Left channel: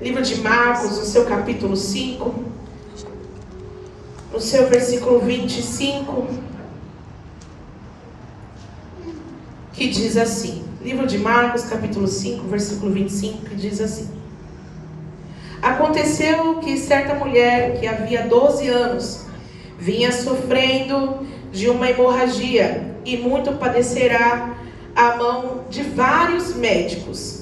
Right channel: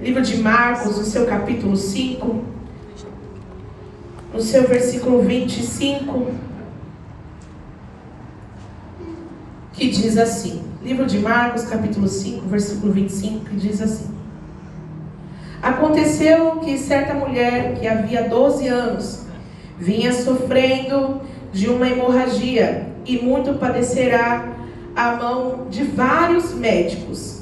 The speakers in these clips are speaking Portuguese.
livro de Marcos, no seu capítulo 5, no seu versículo 25, que diz assim, livro de Marcos, capítulo 5, versículo 25, que diz assim: Aconteceu que certa mulher que havia 12 anos vinha sofrendo de uma hemorragia e muito padecerá à mão de vários médicos.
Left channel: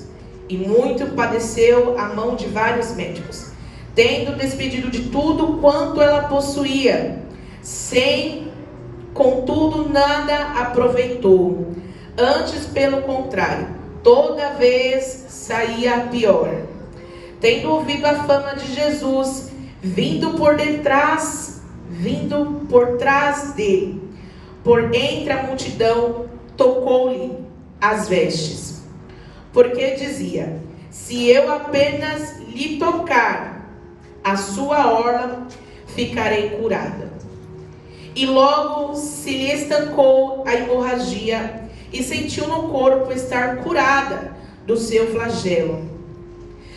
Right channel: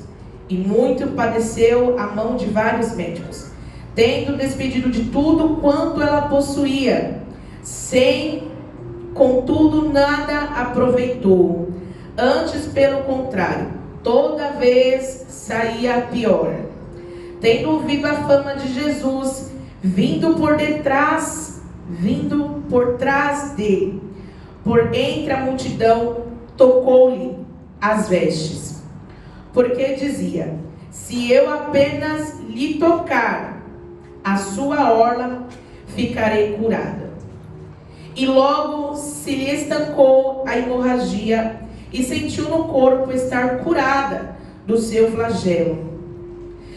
E muito padeceu à mão de vários médicos, tendo despedido de tudo quanto ela possuía, sem, contudo, nada aproveitou. Antes, pelo contrário, toda vez saía pior. Tendo ouvido a fama de Jesus, vindo por trás dele, por entre a multidão, tocou-lhe as vestes. Porque dizia: se eu apenas lhe tocar a sua orla, ficarei curada. E logo se lhe estancou a hemorragia e sentiu no corpo estar curada do seu flagelo.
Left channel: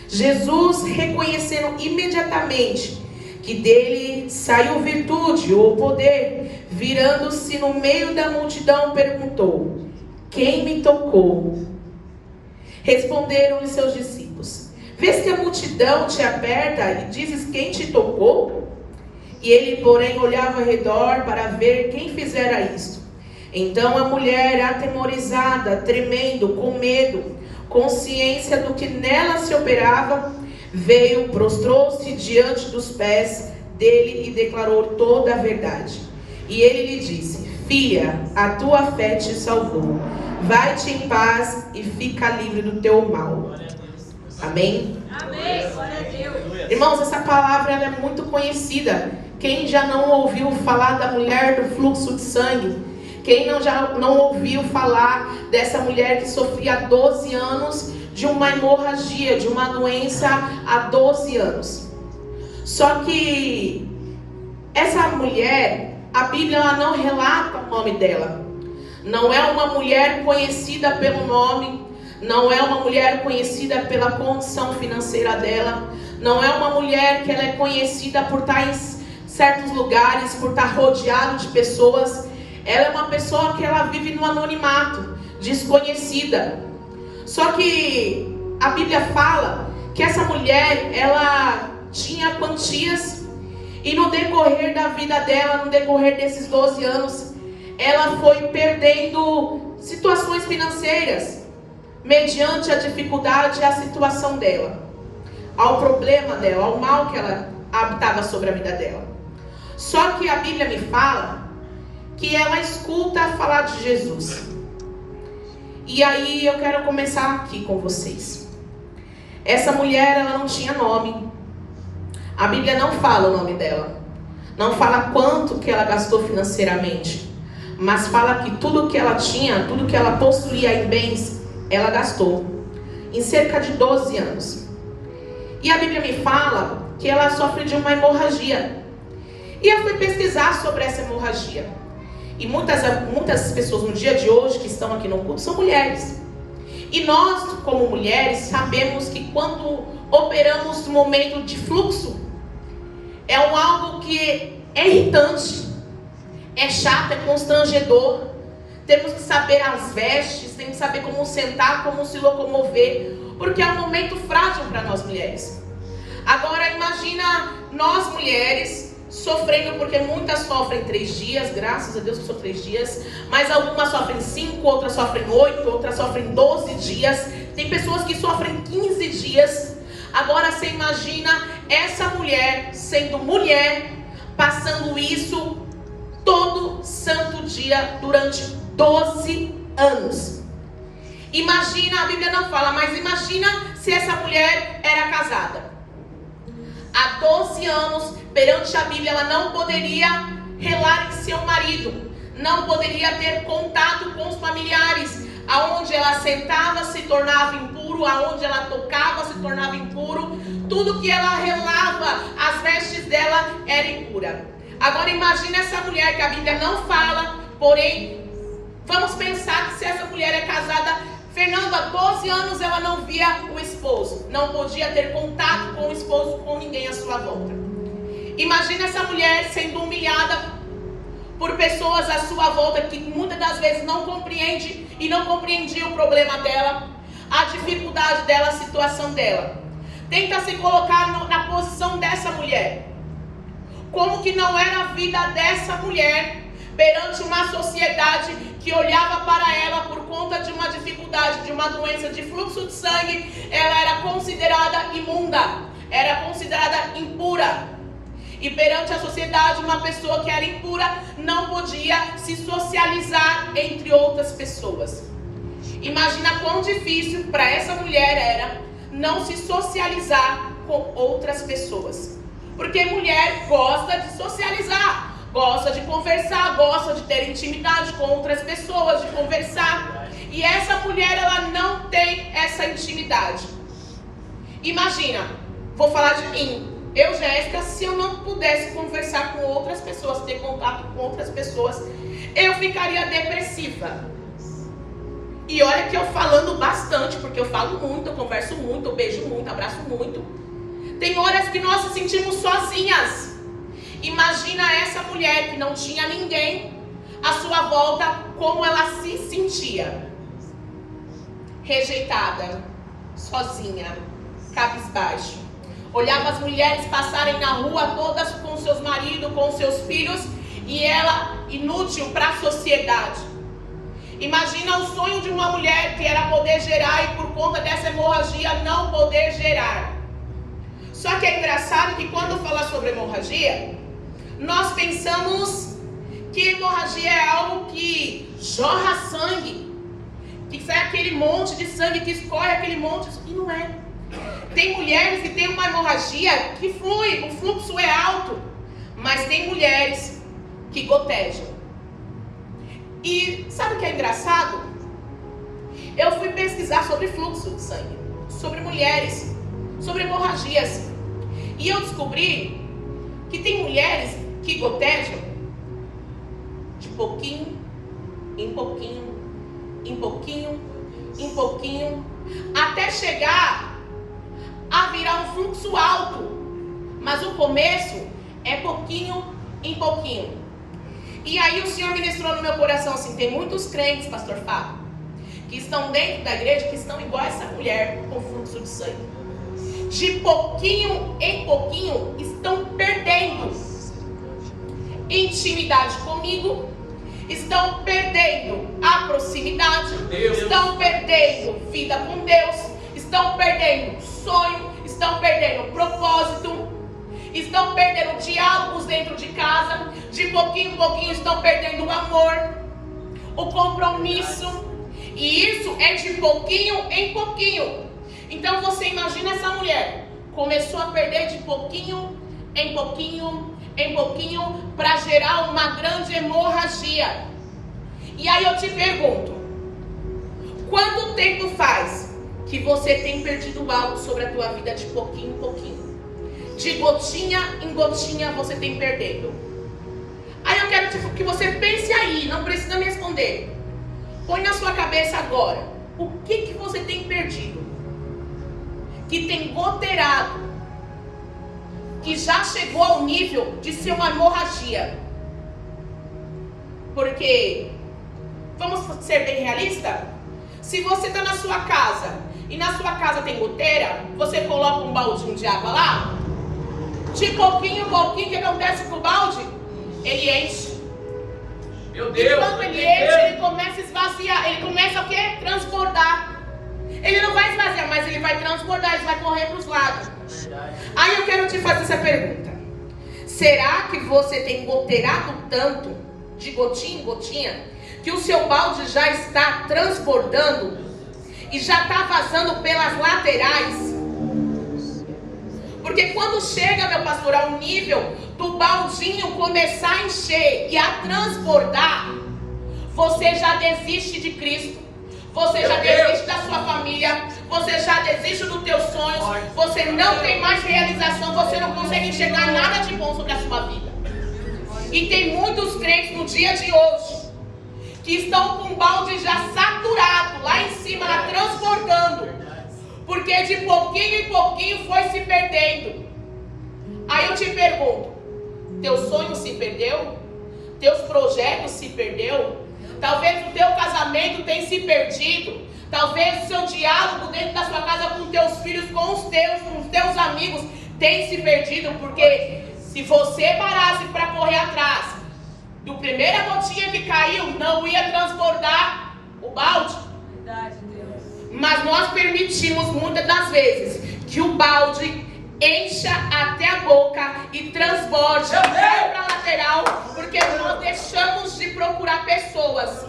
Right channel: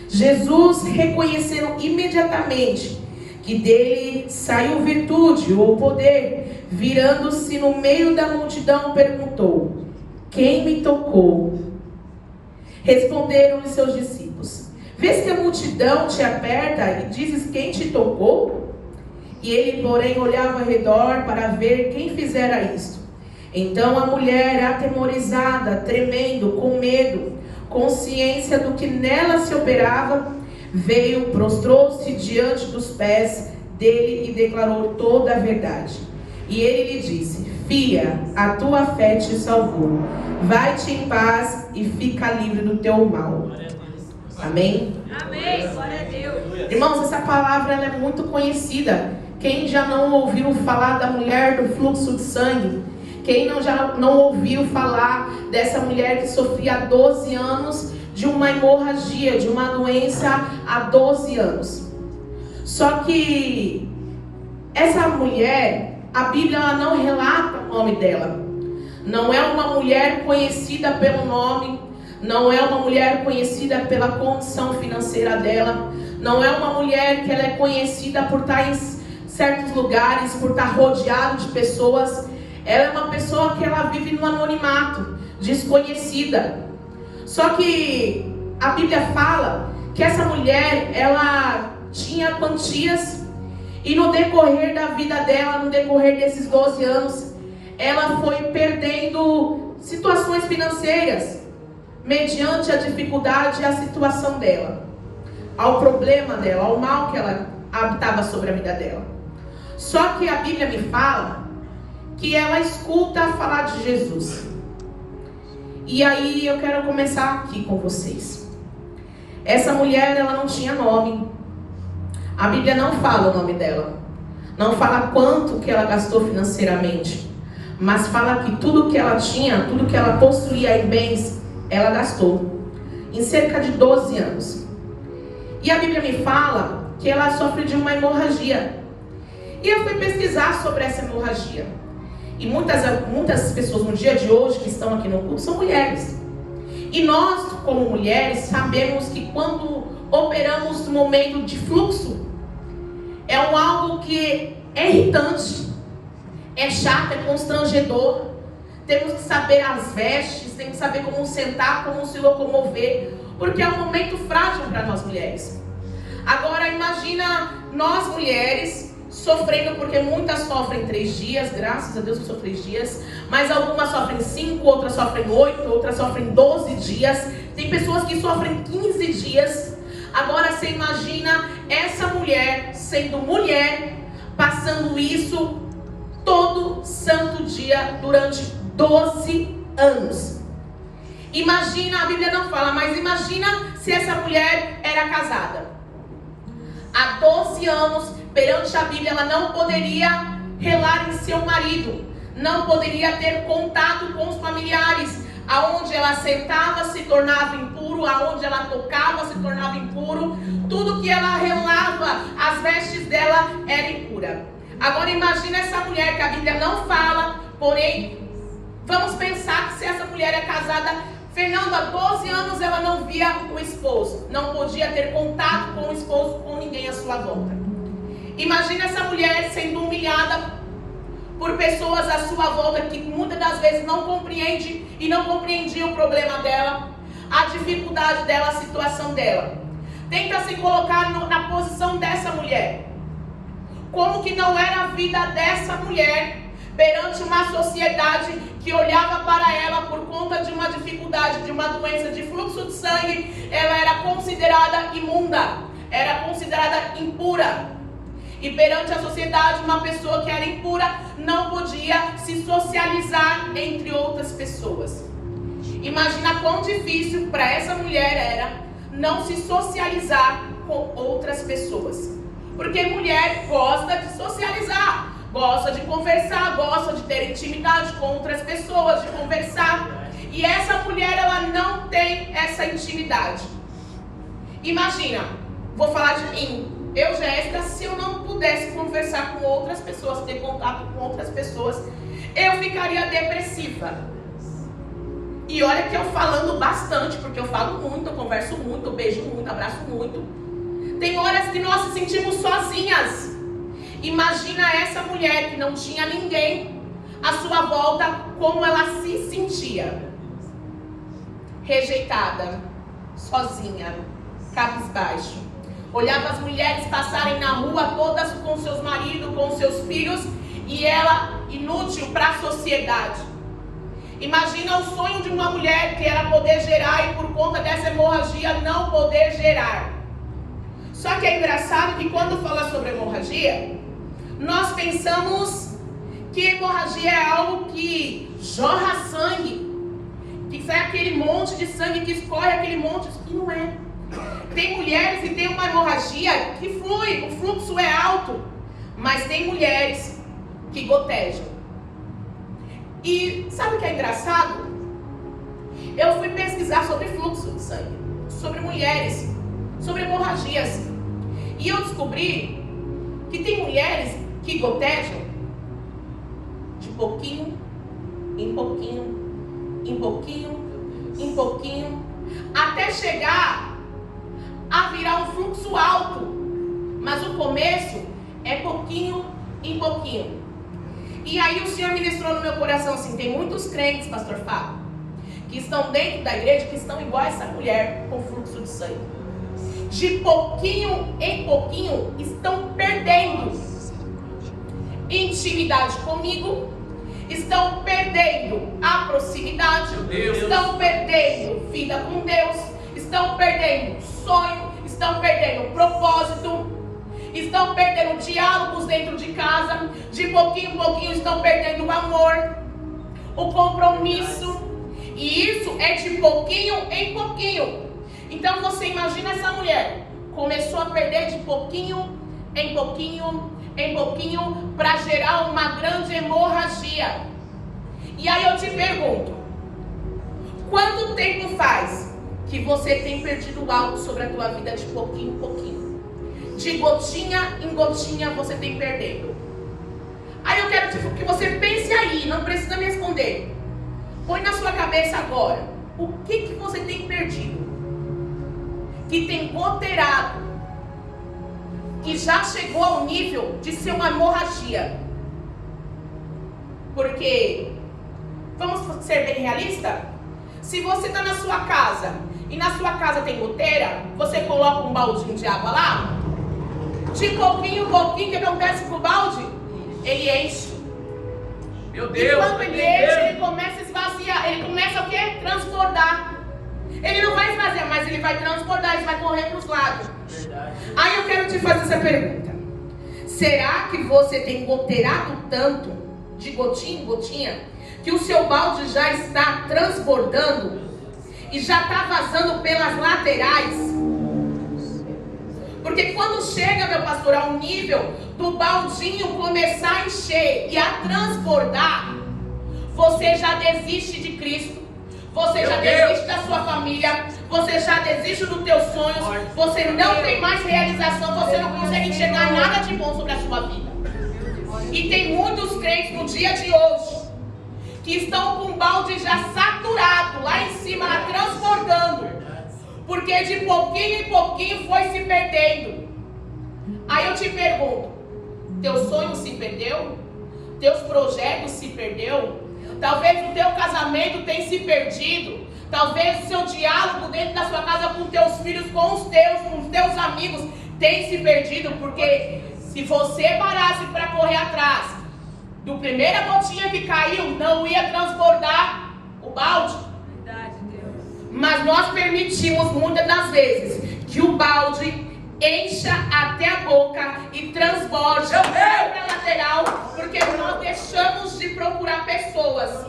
Jesus, reconhecendo imediatamente que dele saiu virtude ou poder, virando-se no meio da multidão, perguntou: quem me tocou? Responderam-lhe seus discípulos: vês que a multidão te aperta e dizes quem te tocou? E ele, porém, olhava ao redor para ver quem fizera isto. Então a mulher, atemorizada, tremendo, com medo, consciência do que nela se operava, veio, prostrou-se diante dos pés dele e declarou toda a verdade. E ele lhe disse: filha, a tua fé te salvou. Vai-te em paz e fica livre do teu mal. Amém? Amém. Glória a Deus. Irmãos, essa palavra ela é muito conhecida. Quem já não ouviu falar da mulher do fluxo de sangue? Quem já não ouviu falar dessa mulher que sofria há 12 anos de uma hemorragia, de uma doença há 12 anos? Só que essa mulher, a Bíblia ela não relata o nome dela. Não é uma mulher conhecida pelo nome, não é uma mulher conhecida pela condição financeira dela, não é uma mulher que ela é conhecida por estar em certos lugares, por estar rodeado de pessoas. Ela é uma pessoa que ela vive no anonimato, desconhecida. Só que a Bíblia fala que essa mulher, ela tinha quantias, e no decorrer da vida dela, no decorrer desses 12 anos, ela foi perdendo situações financeiras, mediante a dificuldade e a situação dela, ao problema dela, ao mal que ela habitava sobre a vida dela. Só que a Bíblia me fala que ela escuta falar de Jesus. E aí eu quero começar aqui com vocês. Essa mulher, ela não tinha nome. A Bíblia não fala o nome dela. Não fala quanto que ela gastou financeiramente. Mas fala que tudo que ela tinha, tudo que ela possuía em bens, ela gastou. Em cerca de 12 anos. E a Bíblia me fala que ela sofre de uma hemorragia. E eu fui pesquisar sobre essa hemorragia. E muitas pessoas no dia de hoje que estão aqui no culto são mulheres. E nós, como mulheres, sabemos que quando operamos no momento de fluxo, é algo que é irritante, é chato, é constrangedor. Temos que saber as vestes, temos que saber como sentar, como se locomover, porque é um momento frágil para nós mulheres. Agora imagina nós mulheres sofrendo, porque muitas sofrem 3 dias, graças a Deus que são 3 dias, mas algumas sofrem 5, outras sofrem 8, outras sofrem 12 dias, tem pessoas que sofrem 15 dias. Agora você imagina essa mulher sendo mulher, passando isso todo santo dia durante 12 anos. Imagina, a Bíblia não fala, mas imagina se essa mulher era casada. Há 12 anos, perante a Bíblia, ela não poderia relar em seu marido, não poderia ter contato com os familiares. Aonde ela sentava se tornava impuro, aonde ela tocava se tornava impuro, tudo que ela relava, as vestes dela era impura. Agora imagina essa mulher que a Bíblia não fala, porém, vamos pensar que se essa mulher é casada, Fernanda, há 12 anos ela não via o esposo, não podia ter contato sua volta. Imagina essa mulher sendo humilhada por pessoas à sua volta que muitas das vezes não compreende e não compreendia o problema dela, a dificuldade dela, a situação dela. Tenta se colocar na posição dessa mulher. Como que não era a vida dessa mulher perante uma sociedade que olhava para ela por conta de uma dificuldade, de uma doença de fluxo de sangue, ela era considerada imunda, era considerada impura. E perante a sociedade, uma pessoa que era impura não podia se socializar entre outras pessoas. Imagina quão difícil para essa mulher era não se socializar com outras pessoas. Porque mulher gosta de socializar, gosta de conversar, gosta de ter intimidade com outras pessoas, de conversar. E essa mulher, ela não tem essa intimidade. Imagina, vou falar de mim. Eu, Jéssica, se eu não pudesse conversar com outras pessoas, ter contato com outras pessoas, eu ficaria depressiva. E olha que eu falando bastante, porque eu falo muito, eu converso muito, eu beijo muito, abraço muito. Tem horas que nós se sentimos sozinhas. Imagina essa mulher que não tinha ninguém à sua volta, como ela se sentia. Rejeitada, sozinha, cabisbaixo. Olhava as mulheres passarem na rua todas com seus maridos, com seus filhos, e ela inútil para a sociedade. Imagina o sonho de uma mulher que era poder gerar e por conta dessa hemorragia não poder gerar. Só que é engraçado que quando fala sobre hemorragia, nós pensamos que hemorragia é algo que jorra sangue, que sai aquele monte de sangue, que escorre aquele monte, e não é. Tem mulheres que têm uma hemorragia que flui, o fluxo é alto, mas tem mulheres que gotejam. E sabe o que é engraçado? Eu fui pesquisar sobre fluxo de sangue, sobre mulheres, sobre hemorragias. E eu descobri que tem mulheres que gotejam de pouquinho, em pouquinho, em pouquinho, em pouquinho, até chegar a virar um fluxo alto. Mas o começo é pouquinho em pouquinho. E aí o Senhor ministrou no meu coração assim, tem muitos crentes, pastor Fábio, que estão dentro da igreja, que estão igual a essa mulher com fluxo de sangue. De pouquinho em pouquinho estão perdendo intimidade comigo, estão perdendo a proximidade, estão perdendo vida com Deus, estão perdendo sonho, estão perdendo propósito, estão perdendo diálogos dentro de casa, de pouquinho em pouquinho estão perdendo o amor, o compromisso, e isso é de pouquinho em pouquinho. Então você imagina essa mulher, começou a perder de pouquinho em pouquinho, em pouquinho, para gerar uma grande hemorragia. E aí eu te pergunto, quanto tempo faz que você tem perdido algo sobre a tua vida de pouquinho em pouquinho? De gotinha em gotinha você tem perdendo. Aí eu quero que você pense aí, não precisa me responder. Põe na sua cabeça agora, o que você tem perdido? Que tem goteirado, que já chegou ao nível de ser uma hemorragia. Porque, vamos ser bem realistas, se você está na sua casa, e na sua casa tem goteira, você coloca um baldinho de água lá, de pouquinho em pouquinho, o que acontece com o balde? Ele enche. Meu Deus! E quando ele enche, ele começa a esvaziar, ele começa o quê? Transbordar. Ele não vai esvaziar, mas ele vai transbordar, ele vai correr para os lados. Aí eu quero te fazer essa pergunta. Será que você tem goteirado tanto, de gotinha em gotinha, que o seu balde já está transbordando e já está vazando pelas laterais? Porque quando chega, meu pastor, ao nível do baldinho começar a encher e a transbordar, você já desiste de Cristo, você já desiste da sua família, você já desiste dos teus sonhos, você não tem mais realização, você não consegue enxergar nada de bom sobre a sua vida. E tem muitos crentes no dia de hoje que estão com o balde já saturado, lá em cima, lá transbordando, porque de pouquinho em pouquinho foi se perdendo. te pergunto, teu sonho se perdeu? Teus projetos se perdeu? Talvez o teu casamento tenha se perdido. Talvez o seu diálogo dentro da sua casa com teus filhos, com os teus amigos tenha se perdido. Porque se você parasse para correr atrás do primeira gotinha que caiu, não ia transbordar o balde. Verdade, Deus. Mas nós permitimos muitas das vezes que o balde encha até a boca e transborde para a lateral, porque nós deixamos de procurar pessoas.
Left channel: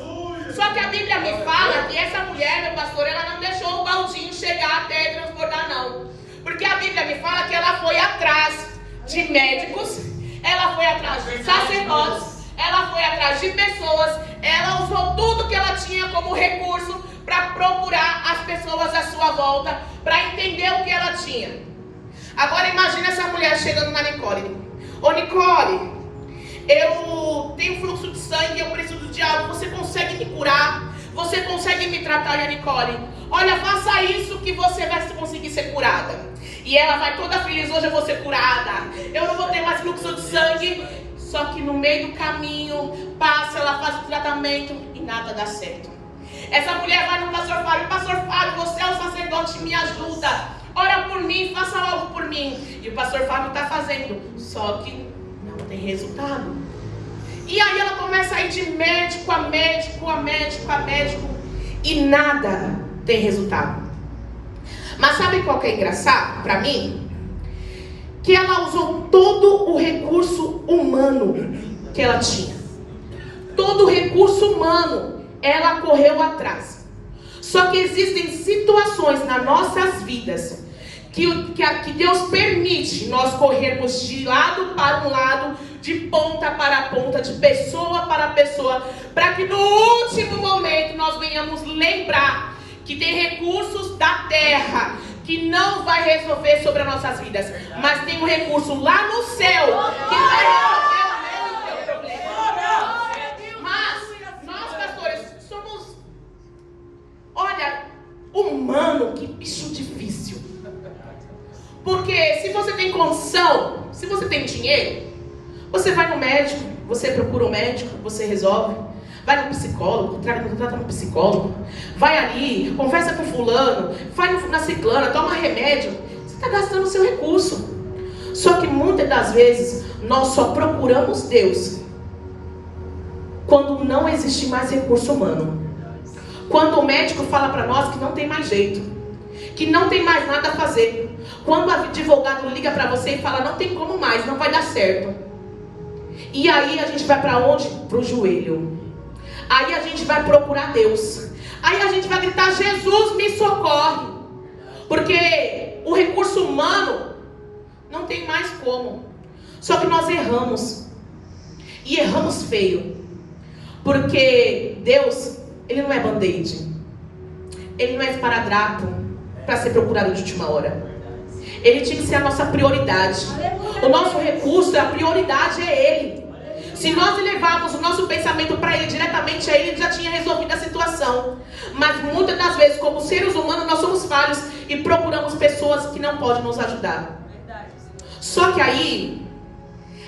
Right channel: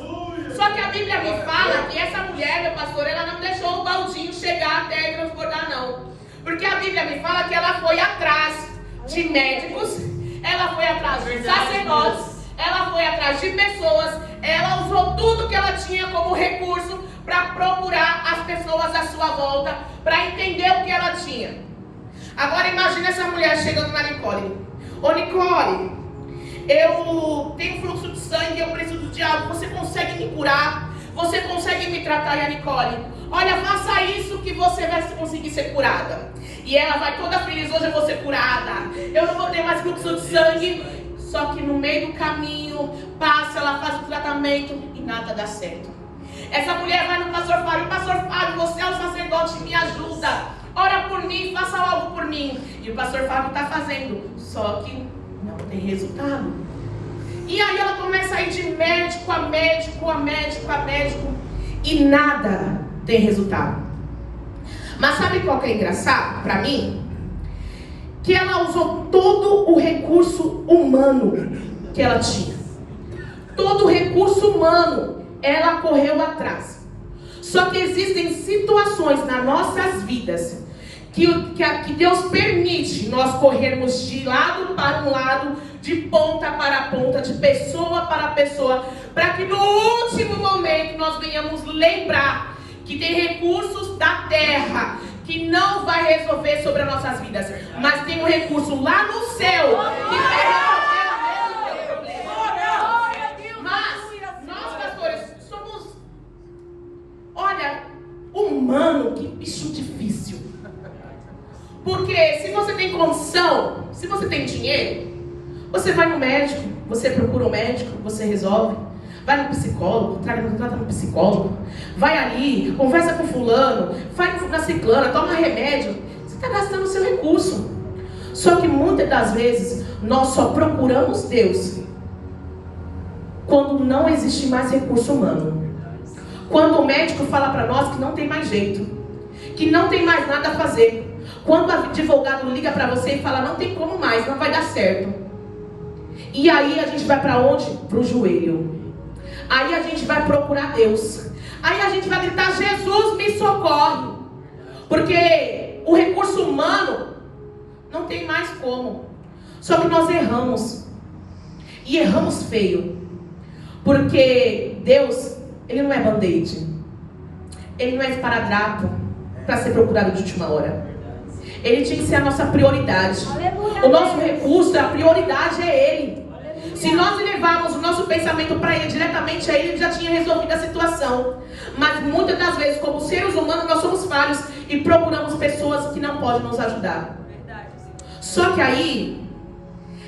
Só que a Bíblia me fala que essa mulher, meu pastor, ela não deixou o baldinho chegar até transbordar, não. Porque a Bíblia me fala que ela foi atrás de médicos, ela foi atrás de sacerdotes, ela foi atrás de pessoas, ela usou tudo que ela tinha como recurso para procurar as pessoas à sua volta, para entender o que ela tinha. Agora imagine essa mulher chegando na Nicole. Ô Nicole, eu tenho fluxo de sangue, eu preciso de algo, você consegue me curar? Você consegue me tratar? E a Nicole, olha, faça isso que você vai conseguir ser curada. E ela vai toda feliz, hoje eu vou ser curada, eu não vou ter mais fluxo de sangue. Só que no meio do caminho, passa, ela faz o tratamento e nada dá certo. Essa mulher vai no pastor Fábio, você é o sacerdote, me ajuda. Ora por mim, faça algo por mim. E o pastor Fábio está fazendo, só que não tem resultado. E aí ela começa a ir de médico a médico, e nada tem resultado. Mas sabe qual que é engraçado para mim? Que ela usou todo o recurso humano que ela tinha. Todo o recurso humano ela correu atrás. Só que existem situações nas nossas vidas que Deus permite nós corrermos de lado para um lado, de ponta para ponta, de pessoa para pessoa, para que no último momento nós venhamos lembrar que tem recursos da terra que não vai resolver sobre as nossas vidas, mas tem um recurso lá no céu que vai resolver o teu problema. Mas nós, pastores, somos, olha, humano, que bicho difícil. Porque se você tem condição, se você tem dinheiro, você vai no médico, você procura um médico, você resolve. Vai no psicólogo, trata no psicólogo. Vai ali, conversa com fulano, vai na ciclana, toma remédio. Você está gastando o seu recurso. Só que muitas das vezes nós só procuramos Deus quando não existe mais recurso humano. Quando o médico fala para nós que não tem mais jeito, que não tem mais nada a fazer. Quando o advogado liga para você e fala, não tem como mais, não vai dar certo. E aí a gente vai para onde? Para o joelho. Aí a gente vai procurar Deus. Aí a gente vai gritar, Jesus me socorre. Porque o recurso humano não tem mais como. Só que nós erramos. E erramos feio. Porque Deus, Ele não é band-aid. Ele não é esparadrapo para ser procurado de última hora. Ele tinha que ser a nossa prioridade. O nosso recurso, a prioridade é Ele. Se nós levarmos o nosso pensamento para Ele, diretamente a Ele, Ele já tinha resolvido a situação. Mas muitas das vezes, como seres humanos, nós somos falhos e procuramos pessoas que não podem nos ajudar. Só que aí,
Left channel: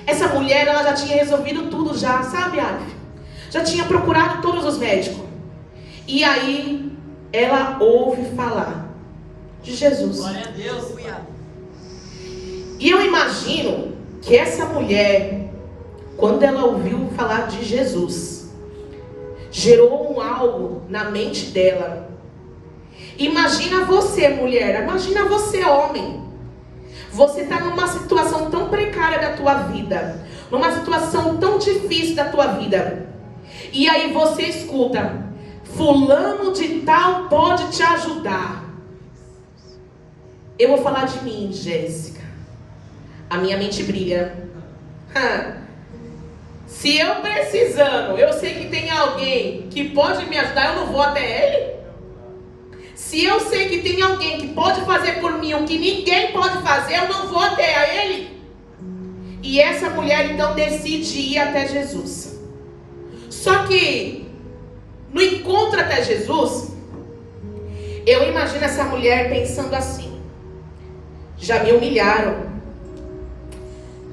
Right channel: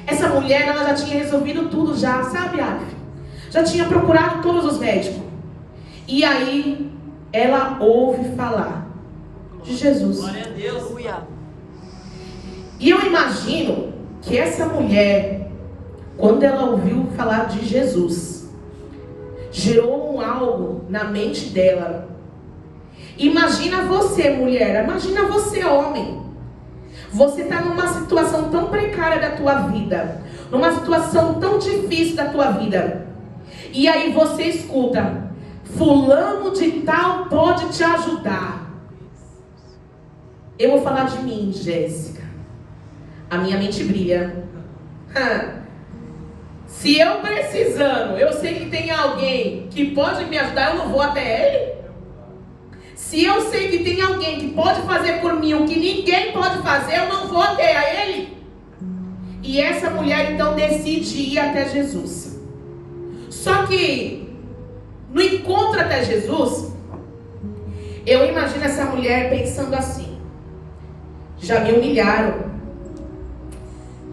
essa mulher, ela já tinha resolvido tudo já, sabe, Alf? Já tinha procurado todos os médicos. E aí, ela ouve falar de Jesus. Glória a Deus. E eu imagino que essa mulher, quando ela ouviu falar de Jesus, gerou algo na mente dela. Imagina você, mulher, imagina você, homem. Você está numa situação tão precária da tua vida, numa situação tão difícil da tua vida. E aí você escuta, fulano de tal pode te ajudar. Eu vou falar de mim, Jéssica. A minha mente brilha. Se eu precisando, eu sei que tem alguém que pode me ajudar, eu não vou até ele? Se eu sei que tem alguém que pode fazer por mim o que ninguém pode fazer, eu não vou até ele? E essa mulher então decide ir até Jesus. Só que no encontro até Jesus, eu imagino essa mulher pensando assim: já me humilharam,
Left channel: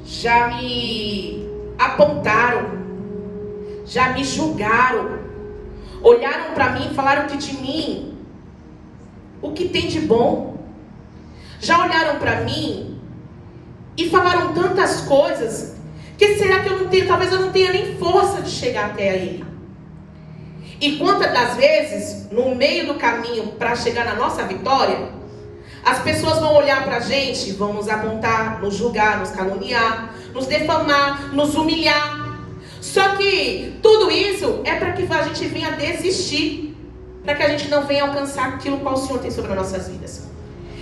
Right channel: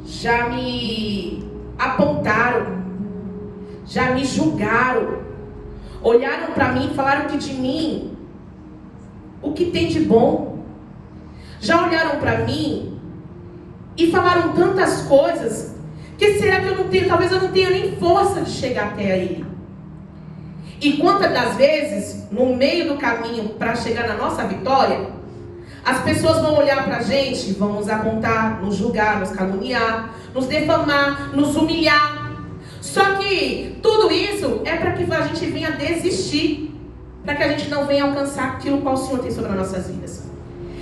já me apontaram, já me julgaram, olharam para mim e falaram que de mim, o que tem de bom? Já olharam para mim e falaram tantas coisas, que será que eu não tenho, talvez eu não tenha nem força de chegar até aí. E quantas das vezes, no meio do caminho para chegar na nossa vitória, as pessoas vão olhar para a gente, vão nos apontar, nos julgar, nos caluniar, nos defamar, nos humilhar. Só que tudo isso é para que a gente venha desistir, para que a gente não venha alcançar aquilo que o Senhor tem sobre as nossas vidas.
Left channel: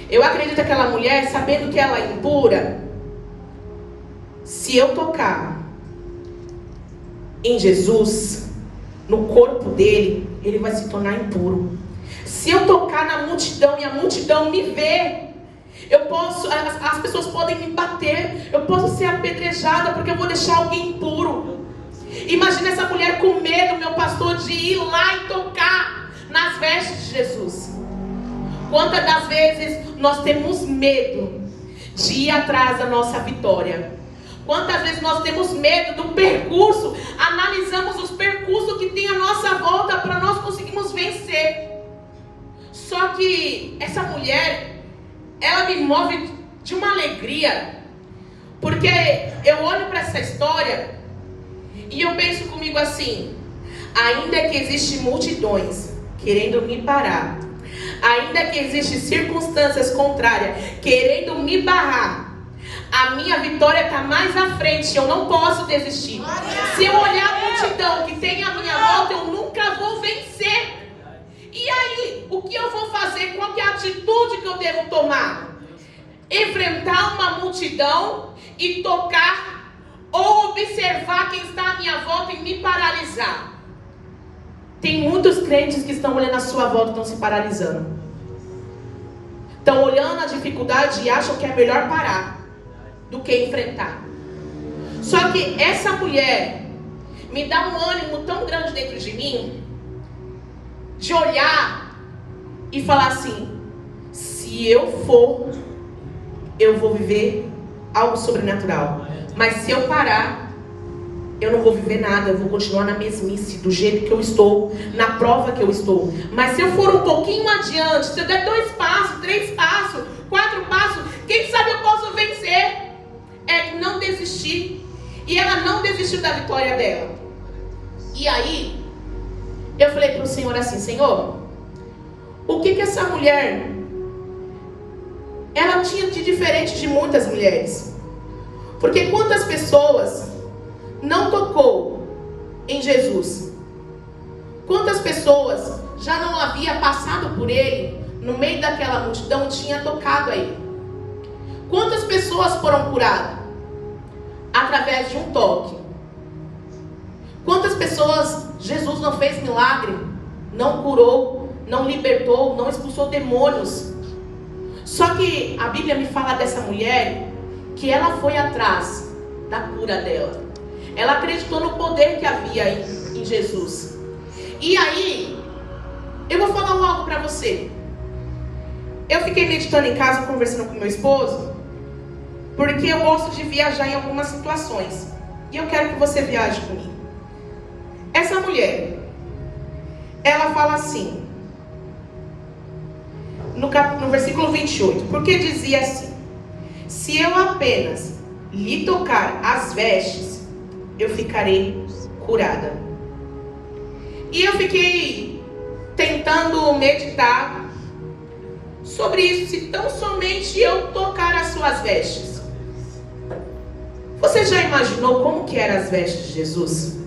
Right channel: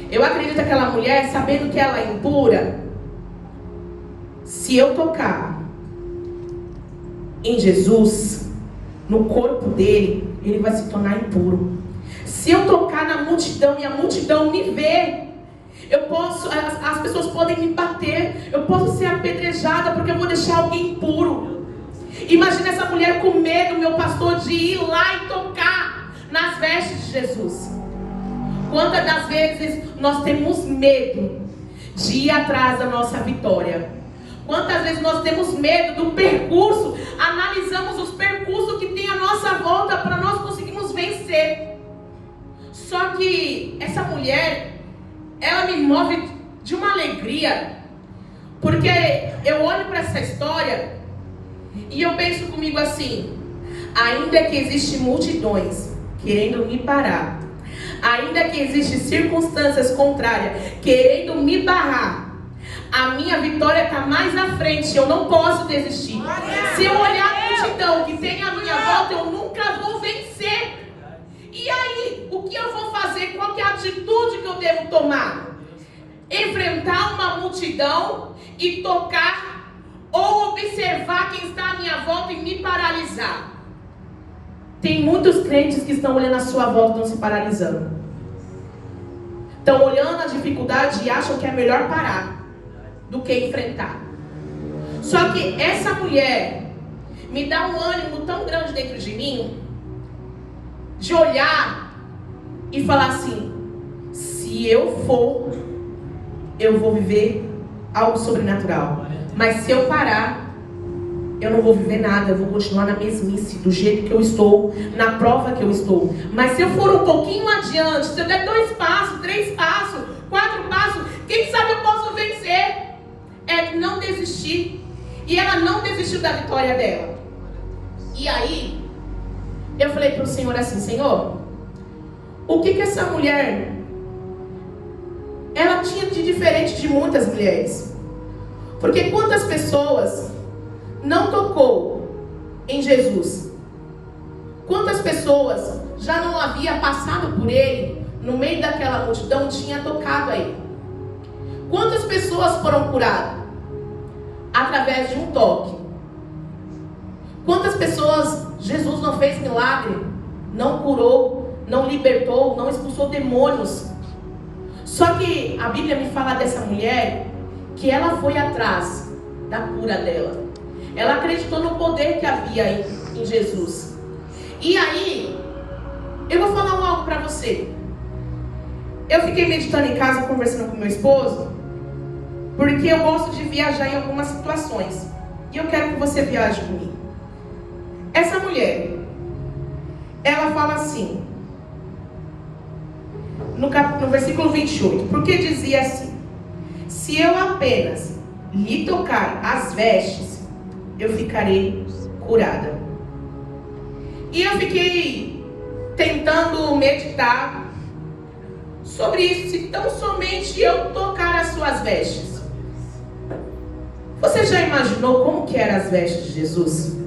Eu acredito que aquela mulher, sabendo que ela é impura, se eu tocar em Jesus, no corpo dele, ele vai se tornar impuro. Se eu tocar na multidão e a multidão me ver, as pessoas podem me bater, eu posso ser apedrejada porque eu vou deixar alguém impuro. Imagina essa mulher com medo, meu pastor, de ir lá e tocar nas vestes de Jesus. Quantas das vezes nós temos medo de ir atrás da nossa vitória? Quantas vezes nós temos medo do percurso, analisamos os percursos que tem à nossa volta para nós conseguirmos vencer. Só que essa mulher, ela me move de uma alegria, porque eu olho para essa história e eu penso comigo assim: ainda que existem multidões querendo me parar, ainda que existem circunstâncias contrárias querendo me barrar, a minha vitória está mais à frente, eu não posso desistir. Se eu olhar a multidão que tem à minha volta, eu nunca vou vencer. E aí, o que eu vou fazer? Qual que é a atitude que eu devo tomar? Enfrentar uma multidão e tocar, ou observar quem está à minha volta e me paralisar? Tem muitos crentes que estão olhando a sua volta e estão se paralisando. Estão olhando a dificuldade e acham que é melhor parar do que enfrentar. Só que essa mulher me dá um ânimo tão grande dentro de mim, de olhar e falar assim: se eu for, eu vou viver algo sobrenatural. Mas se eu parar, eu não vou viver nada, eu vou continuar na mesmice, do jeito que eu estou, na prova que eu estou. Mas se eu for um pouquinho adiante, se eu der 2 passos, 3 passos, 4 passos, quem sabe eu posso vencer. É não desistir. E ela não desistiu da vitória dela. E aí, eu falei para o Senhor assim: Senhor, o que essa mulher, ela tinha de diferente de muitas mulheres? Porque quantas pessoas não tocou em Jesus? Quantas pessoas já não havia passado por ele, no meio daquela multidão, tinha tocado a ele? Quantas pessoas foram curadas através de um toque? Quantas pessoas Jesus não fez milagre, não curou, não libertou, não expulsou demônios? Só que a Bíblia me fala dessa mulher que ela foi atrás da cura dela. Ela acreditou no poder que havia em Jesus. E aí, eu vou falar algo para você. Eu fiquei meditando em casa, conversando com meu esposo, porque eu gosto de viajar em algumas situações. E eu quero que você viaje comigo. Essa mulher, ela fala assim, no versículo 28, porque dizia assim: se eu apenas lhe tocar as vestes, eu ficarei curada. E eu fiquei tentando meditar sobre isso, se tão somente eu tocar as suas vestes. Você já imaginou como que eram as vestes de Jesus?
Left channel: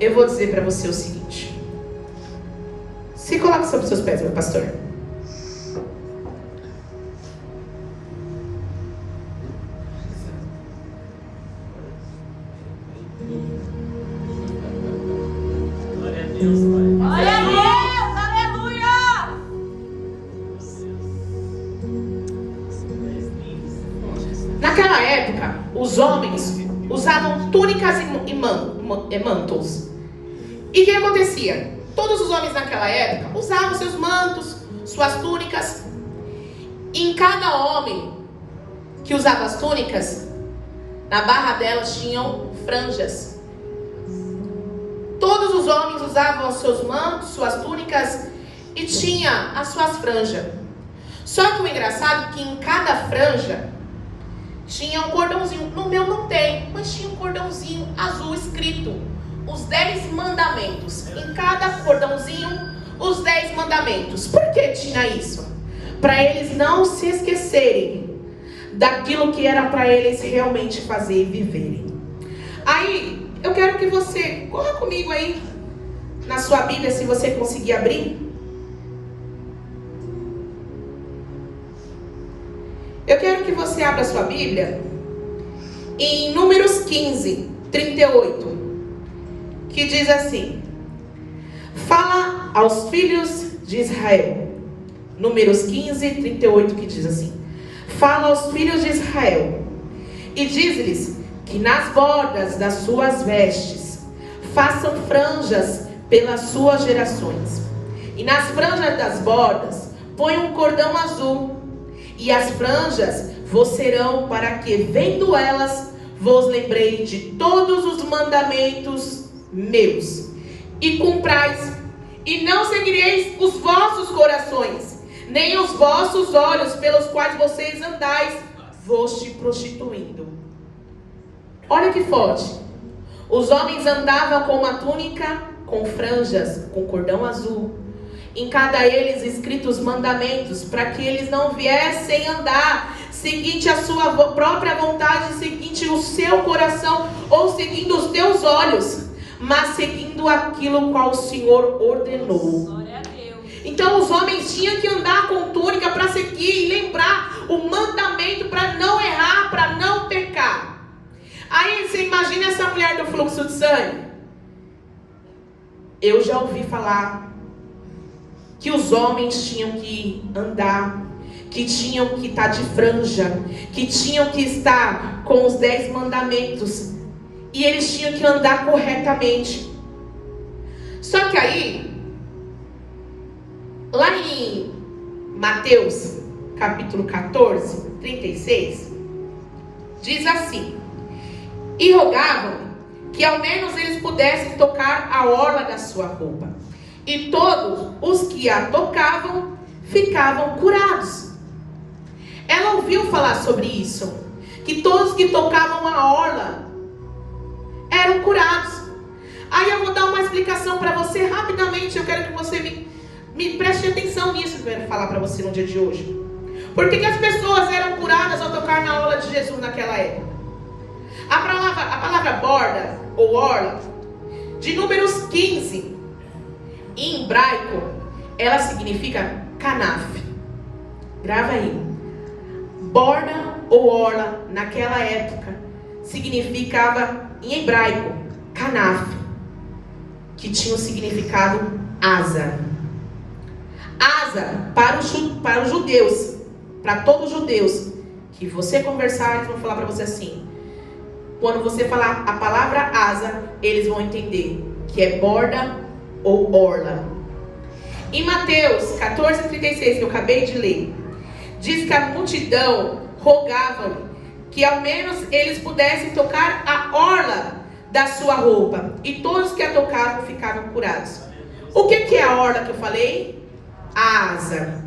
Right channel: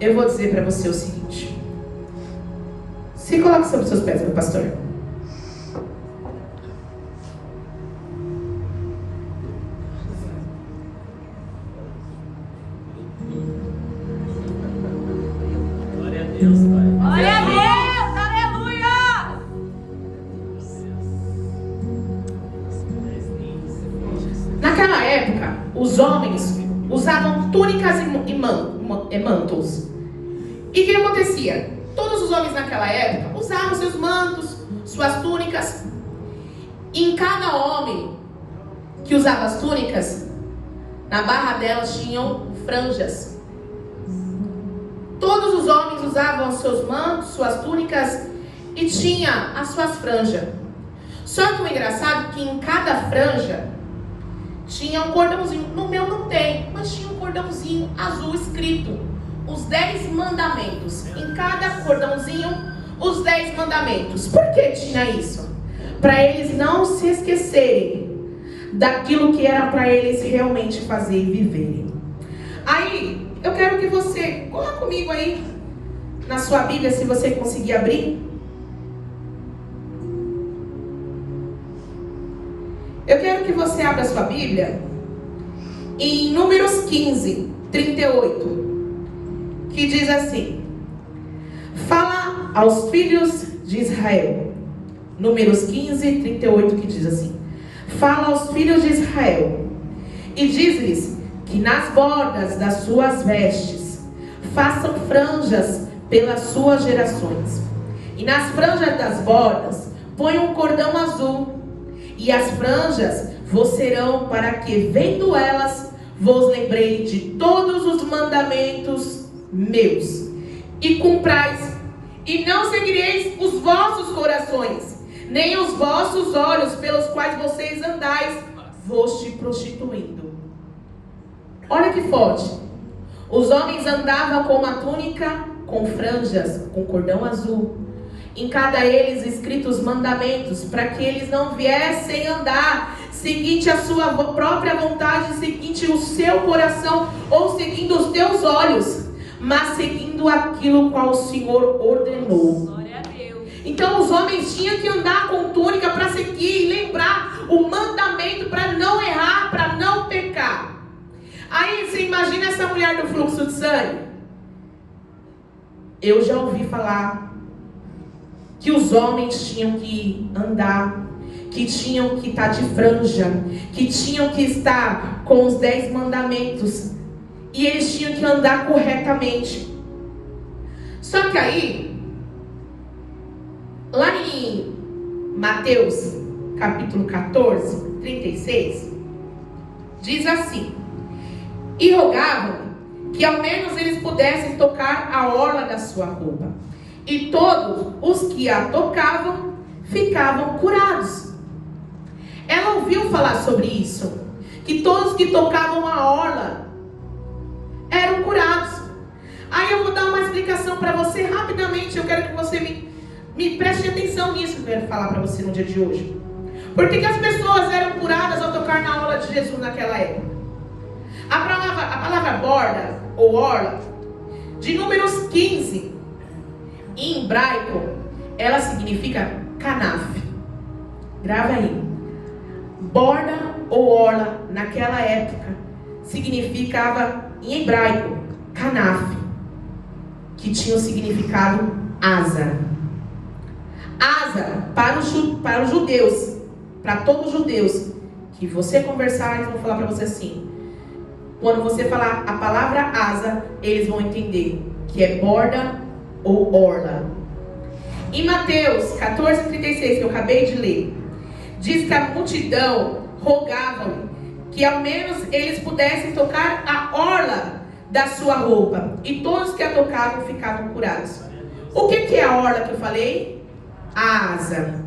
Eu vou dizer para você o seguinte: se coloque sobre os seus pés, meu pastor. Glória a Deus, Pai. Glória a Deus, aleluia! Naquela época, os homens usavam túnicas e mantos. E o que acontecia? Todos os homens naquela época usavam seus mantos, suas túnicas. E em cada homem que usava as túnicas, na barra delas tinham franjas. Todos os homens usavam seus mantos, suas túnicas e tinha as suas franjas. Só que o engraçado é que em cada franja tinha um cordãozinho. No meu não tem, mas tinha um cordãozinho azul escrito os 10 mandamentos. Em cada cordãozinho, os 10 mandamentos. Por que tinha isso? Para eles não se esquecerem daquilo que era para eles realmente fazer e viverem. Aí, eu quero que você corra comigo aí na sua Bíblia, se você conseguir abrir. Eu quero que você abra a sua Bíblia em Números 15, 38, que diz assim: fala aos filhos de Israel. Números 15, 38, que diz assim: fala aos filhos de Israel e diz-lhes que nas bordas das suas vestes façam franjas pelas suas gerações, e nas franjas das bordas põe um cordão azul, e as franjas vos serão para que, vendo elas, vos lembrei de todos os mandamentos meus, e cumprais, e não seguireis os vossos corações, nem os vossos olhos pelos quais vocês andais, vos te prostituindo. Olha que forte. Os homens andavam com uma túnica com franjas, com cordão azul, em cada eles escritos mandamentos, para que eles não viessem andar seguinte a sua própria vontade, seguinte o seu coração, ou seguindo os teus olhos, mas seguindo aquilo qual o Senhor ordenou. Então os homens tinham que andar com túnica para seguir e lembrar o mandamento, para não errar, para não pecar. Aí você imagina essa mulher do fluxo de sangue. Eu já ouvi falar que os homens tinham que andar, que tinham que estar de franja, que tinham que estar com os 10 mandamentos, e eles tinham que andar corretamente. Só que aí, lá em Mateus capítulo 14, 36, diz assim: e rogavam que ao menos eles pudessem tocar a orla da sua roupa, e todos os que a tocavam ficavam curados. Ela ouviu falar sobre isso, que todos que tocavam a orla eram curados. Aí eu vou dar uma explicação para você rapidamente. Eu quero que você me preste atenção nisso que eu quero falar para você no dia de hoje. Por que as pessoas eram curadas ao tocar na orla de Jesus naquela época? A palavra borda ou orla, de Números 15, em hebraico, ela significa canaf. Grava aí. Borda ou orla, naquela época, significava, em hebraico, canaf, que tinha o significado asa. Asa, para os judeus, para todos os judeus, que você conversar, eles vão falar para você assim. Quando você falar a palavra asa, eles vão entender que é borda ou orla. Em Mateus 14:36, que eu acabei de ler, diz que a multidão rogava que ao menos eles pudessem tocar a orla da sua roupa, e todos que a tocavam ficavam curados. O que é a orla que eu falei? A asa.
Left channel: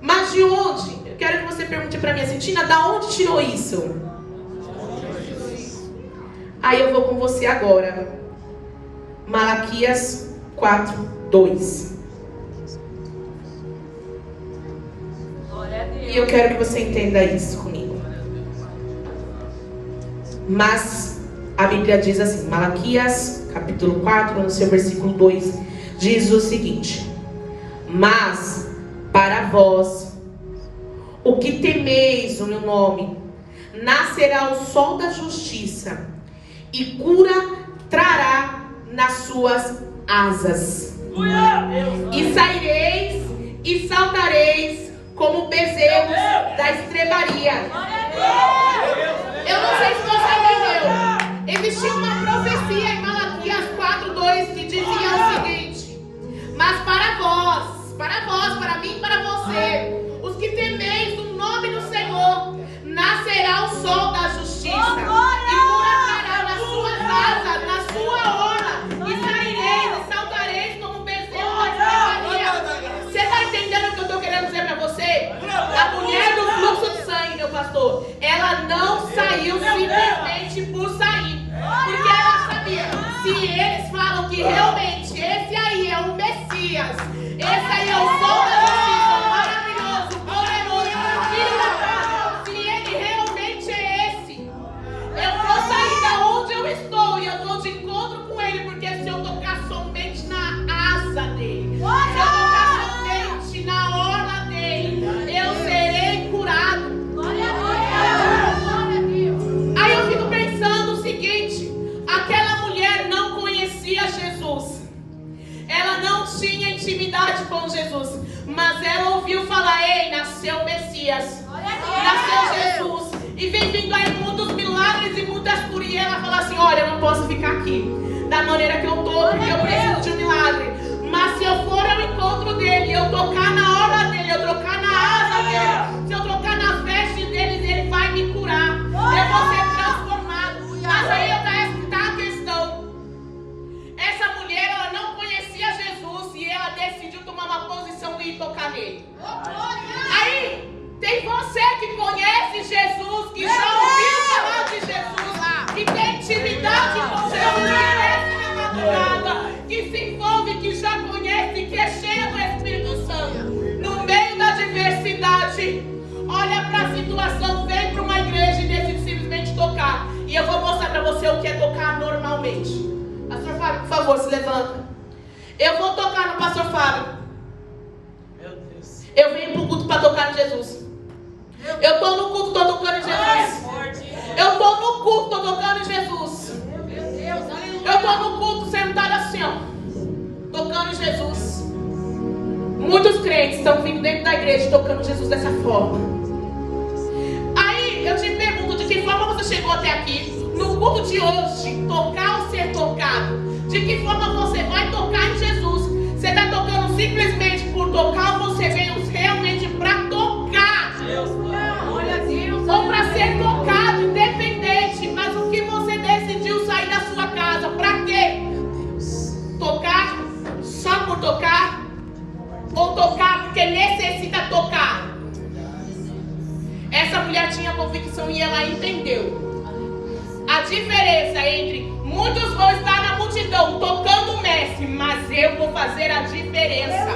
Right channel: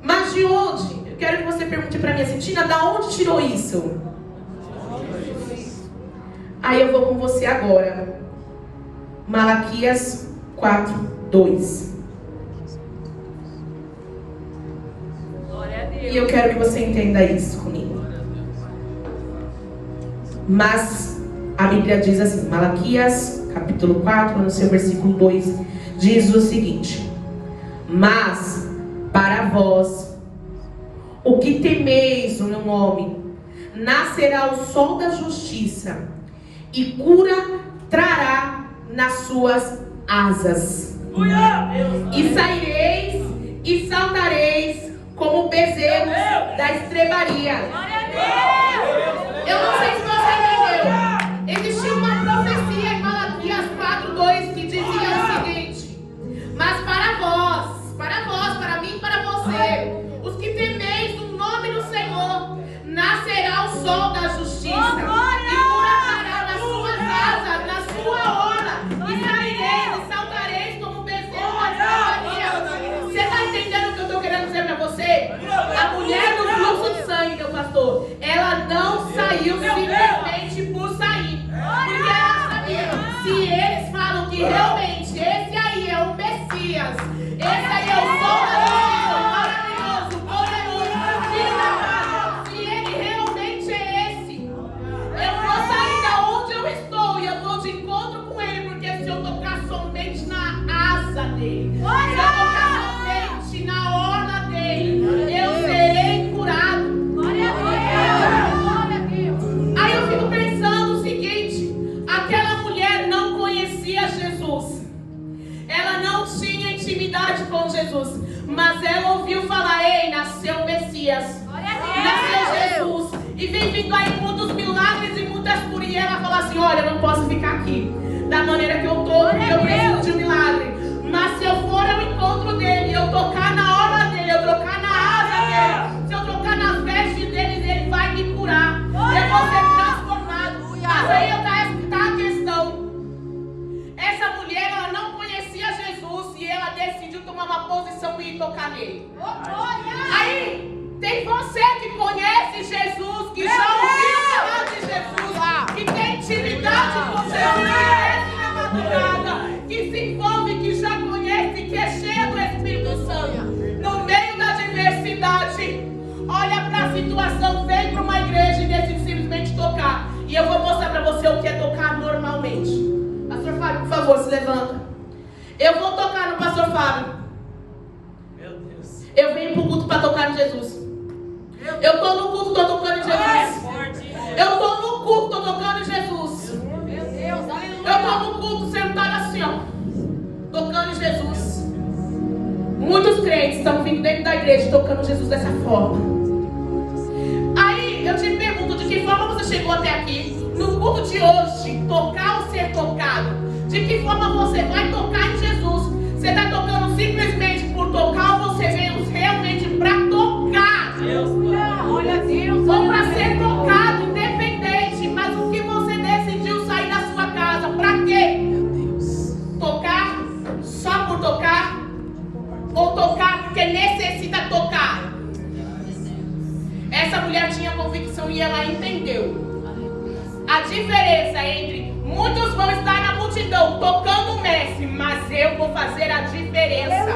Mas de onde? Eu quero que você pergunte para mim assim: Tina, da onde tirou isso? Aí eu vou com você agora. Malaquias 4:2. E eu quero que você entenda isso comigo. Mas a Bíblia diz assim, Malaquias capítulo 4, no seu versículo 2, diz o seguinte: mas para vós, o que temeis o meu nome, nascerá o sol da justiça, e cura trará nas suas asas. E saireis e saltareis como bezerros da estrebaria. Eu não sei se você entendeu. Existia uma profecia em Malaquias 4:2 que dizia o seguinte: mas para vós, para mim, para você, os que temeis o nome do Senhor, saiu simplesmente por sair. Porque ela sabia, se eles falam que realmente esse aí é o Messias, esse aí é o Sol da Justiça, maravilhoso, poderoso, filho da paz, se ele realmente é esse, eu vou sair da onde eu estou e eu vou de encontro com ele, porque se eu tocar somente na asa dele, se eu tocar somente na orla dele, eu serei curado. Aí eu fico pensando o seguinte: aquela mulher não conhecia Jesus, ela não tinha intimidade com Jesus, mas ela ouviu falar: ei, nasceu o Messias, nasceu Jesus, e vem vindo aí muitos milagres e muitas curas, e ela fala assim: olha, eu não posso ficar aqui da maneira que eu estou, porque eu preciso de um milagre, mas se eu for ao encontro dele, eu tocar na orla dele, eu tocar na asa dele, se eu tocar nas vestes dele, ele vai me curar, eu vou ser transformado. Mas aí está a questão: essa mulher, ela não conhecia Jesus e ela decidiu tomar uma posição e ir tocar nele. Aí tem você que conhece Jesus, que já ouviu falar de Jesus, que tem intimidade com Jesus, que desce na madrugada, que se envolve, que já conhece, que é cheio do Espírito Santo. No meio da diversidade, olha para a situação, vem para uma igreja e decide simplesmente tocar. E eu vou mostrar para você o que é tocar normalmente. Pastor Fábio, por favor, se levanta. Eu vou tocar no Pastor Fábio. Meu Deus. Eu venho pro culto para tocar em Jesus. Eu estou no culto, estou tocando em Jesus. Eu estou no culto, estou tocando em Jesus. Eu estou no culto sentado assim, ó, tocando em Jesus. Muitos crentes estão vindo dentro da igreja tocando Jesus dessa forma. Aí eu te pergunto: de que forma você chegou até aqui? No culto de hoje, tocar ou ser tocado? De que forma você vai tocar em Jesus? Você está tocando simplesmente por tocar, ou você veio realmente para tocar? Ou para ser tocado, independente? Mas o que você decidiu sair da sua casa? Para quê? Tocar só por tocar? Ou tocar porque necessita tocar? Essa mulher tinha convicção e ela entendeu a diferença entre muitos vão estar na multidão tocando o mestre, mas eu vou fazer a diferença.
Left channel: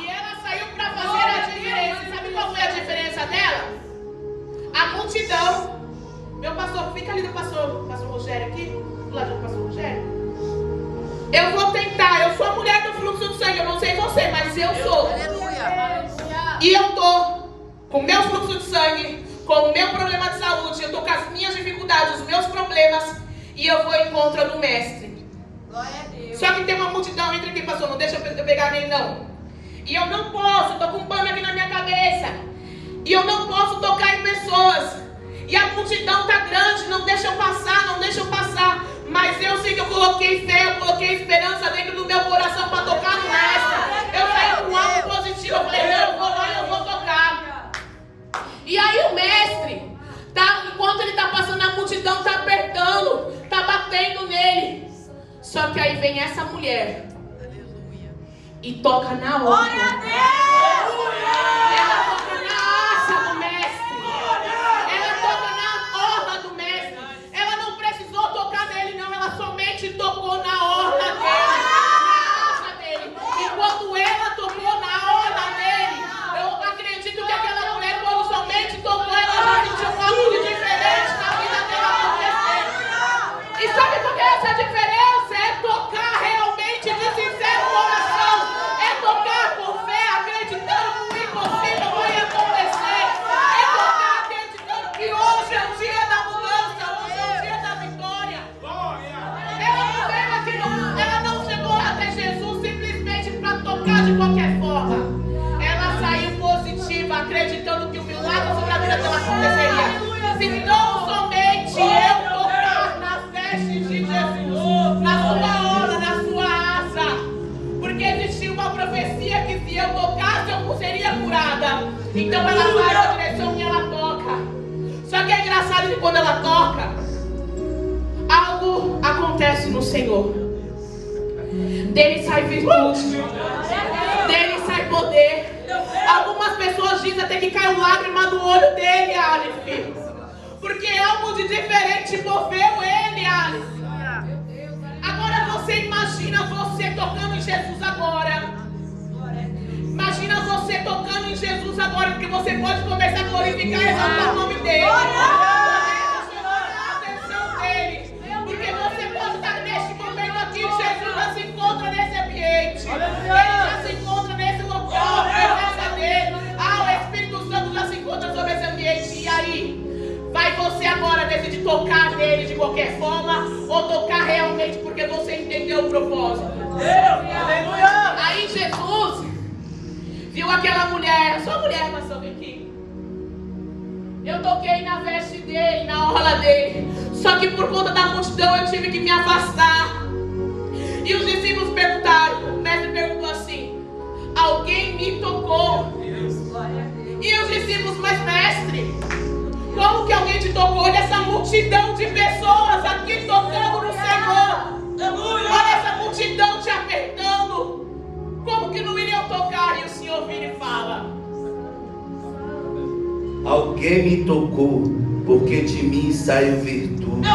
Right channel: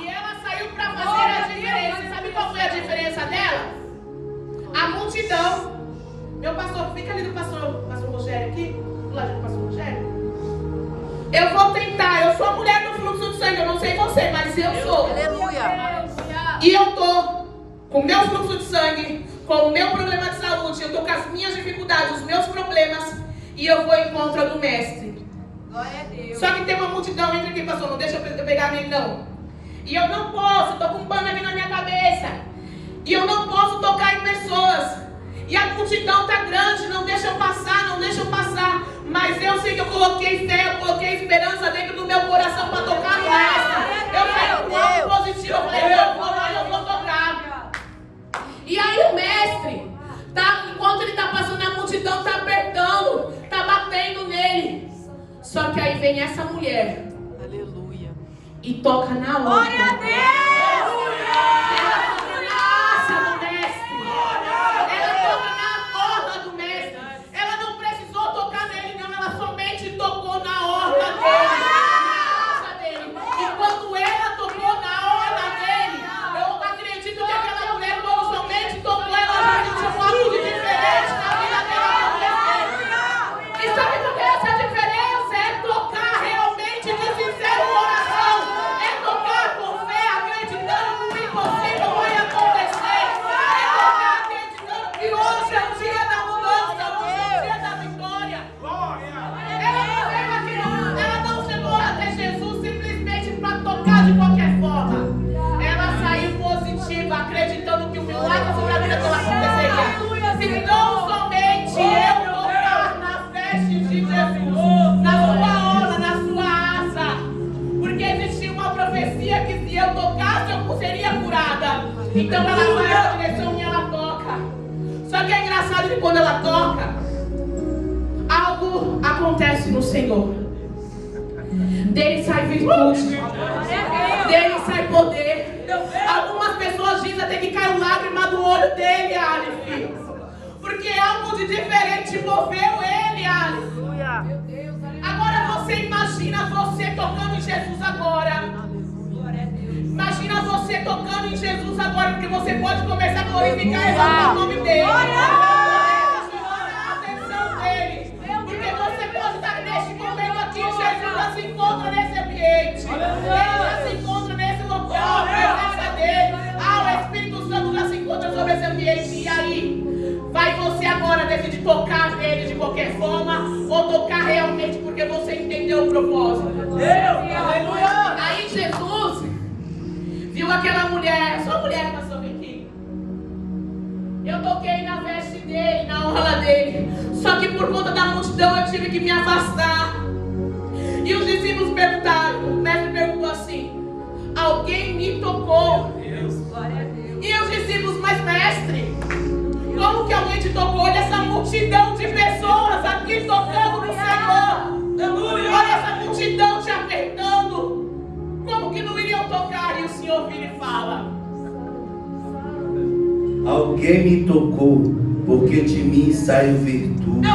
E ela saiu para fazer a diferença. Sabe qual foi a diferença dela? A multidão. Meu pastor, fica ali do pastor Rogério aqui, do lado do pastor Rogério. Eu vou tentar, eu sou a mulher do fluxo do sangue, eu não sei você, mas eu sou. Aleluia. E eu tô com o meu fluxo de sangue, com o meu problema de saúde, eu tô com as minhas dificuldades, os meus problemas, e eu vou em contra do mestre. Glória a Deus. Só que tem uma multidão entre aqui, pastor, não deixa eu pegar nem não. E eu não posso, tô com um pano aqui na minha cabeça. E eu não posso tocar em pessoas. E a multidão tá grande, não deixa eu passar, não deixa eu passar. Mas eu sei que eu coloquei fé, eu coloquei esperança dentro do meu coração para tocar no mestre. Eu saí com algo positivo, eu falei: eu vou lá e eu vou tocar. E aí o mestre, enquanto ele tá passando, a multidão tá apertando, tá batendo nele. Só que aí vem essa mulher. Aleluia. E toca na orla. Glória a Deus. Ela toca na asa do mestre. Ela toca na orla do mestre. Ela não precisou tocar nele, não. Ela somente tocou na orla dele. Na asa dele. E quando ela tocou na orla dele, eu acredito que aquela mulher, quando somente tocou, ela já sentiu algo de diferente na vida dela acontecer. E sabe por que essa diferença? É tocar realmente de sincero coração. É tocar com fé, acreditando que o impossível vai acontecer. É tocar acreditando que hoje é o dia da mudança, hoje é o dia da vitória. Ela não chegou até Jesus simplesmente para tocar de qualquer forma. Ela saiu positiva, acreditando que o milagre sobre a vida dela aconteceria. Se não somente eu tocar nas vestes de Jesus, na sua orla, na sua asa, porque existia uma profecia que se eu tocasse eu seria curada. Então ela vai na direção e ela toca. Só que é engraçado que quando ela toca, algo acontece no Senhor. Dele sai virtude, dele sai poder. Algumas pessoas dizem até que caiu lágrima do olho dele, Aleph. porque algo de diferente moveu ele, Alice. Agora você imagina você tocando em Jesus agora. Imagina você tocando em Jesus agora, porque você pode começar a glorificar e exaltar o nome dele. A atenção dele. Porque você pode estar neste momento aqui, Jesus já se encontra nesse ambiente. Ele já se encontra nesse local, a presença dele. O Espírito Santo já se encontra sobre esse ambiente. E aí, vai você agora decidir tocar nele de qualquer forma, ou tocar realmente porque você entendeu o propósito. Aí Jesus viu aquela mulher, sua mulher passou aqui. Eu toquei na veste dele, na orla dele. Só que por conta da multidão eu tive que me afastar. E os discípulos perguntaram, o mestre perguntou assim: alguém me tocou? E os discípulos, mas mestre, como que alguém te tocou? Olha essa multidão de pessoas aqui tocando no Senhor. Olha essa multidão te apertando. Como que não iriam tocar? E o Senhor vira e fala: alguém me tocou, porque de mim saiu virtude.